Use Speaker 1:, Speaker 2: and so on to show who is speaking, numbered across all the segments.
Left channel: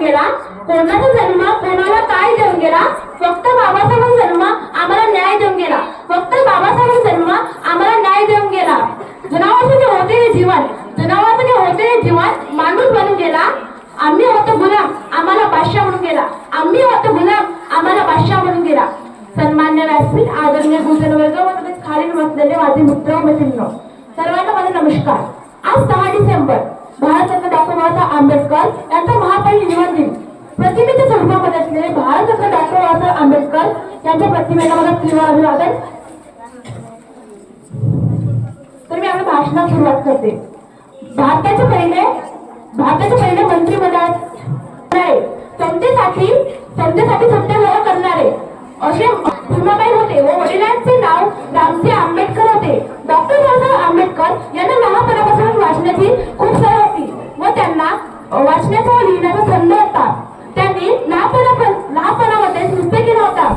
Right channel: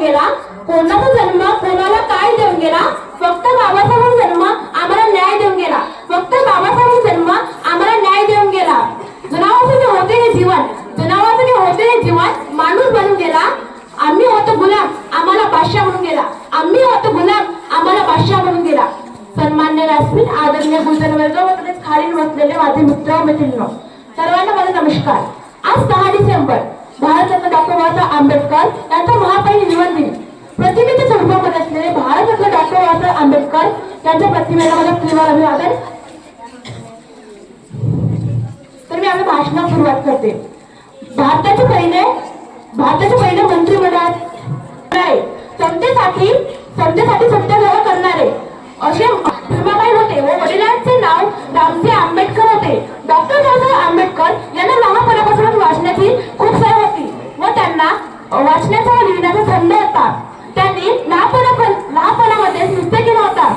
Speaker 1: गेला? कोणाचा जन्म? कोणाला काय देऊन गेला? फक्त बाबासाहेब जन्म आम्हाला न्याय देऊन गेला. फक्त बाबासाहेब जन्म आम्हाला न्याय देऊन गेला. जनावरांसाठी होते हे जीवन. जनावरांसाठी होते हे जीवन. माणूस बनून गेला. आम्ही होतो गुलाम. आम्हाला बादशाह म्हणून गेला. आम्ही होतो गुलाम. आम्हाला बादशाह म्हणून गेला. सन्मान्य व्यासपीठ आदरणीय गुंजन वर्ग व तसेच खालील बसलेले माझे मित्र मैत्रिणी. सर्वांना माझा नमस्कार आज सहा डिसेंबर भारतरत्न डॉक्टर बाबासाहेब आंबेडकर यांचा महापरिनिर्वाण निवड दिन प्रतिमेच्या स्वरूपामध्ये असलेले भारतरत्न डॉक्टर बाबासाहेब आंबेडकर यांच्या प्रतिमेला मला तीव्र अभिवादन. तर मी आपल्या भाषणात सुरुवात करते. भारताचे पहिले भारताचे पहिले मंत्रिमंडळात वाचण्याचा लिहिण्याचा छंद होता. त्यांनी लहानपणा लहानपणामध्ये निश्चय केला होता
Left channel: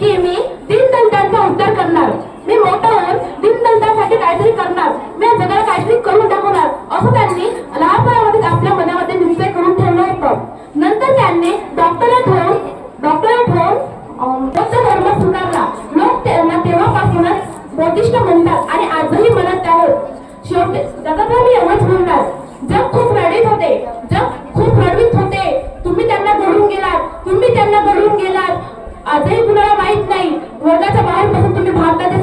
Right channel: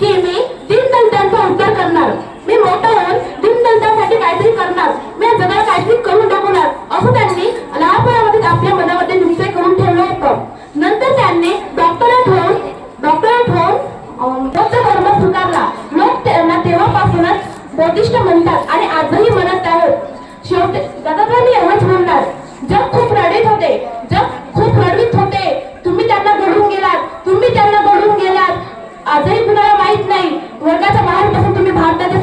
Speaker 1: की मी दीनदलितांचा उद्धार करणार. मी मोठा होऊन दीनदलितांसाठी काहीतरी करणार. मी जगाला काहीतरी करून दाखवणार. असं त्यांनी लहानपणामध्ये आपल्या मनामध्ये निश्चय करून ठेवलं होतं. नंतर त्यांनी डॉक्टरेट होऊन डॉक्टरेट होऊन बौद्ध धर्म स्वीकारला. लोक त्यांना तेव्हापासूनच बौद्धिष्ट म्हणतात आणि आजही आजही तुम्हाला माहीत नाही. वर्गाच्या बाहेर बसून तुम्ही भारताच्या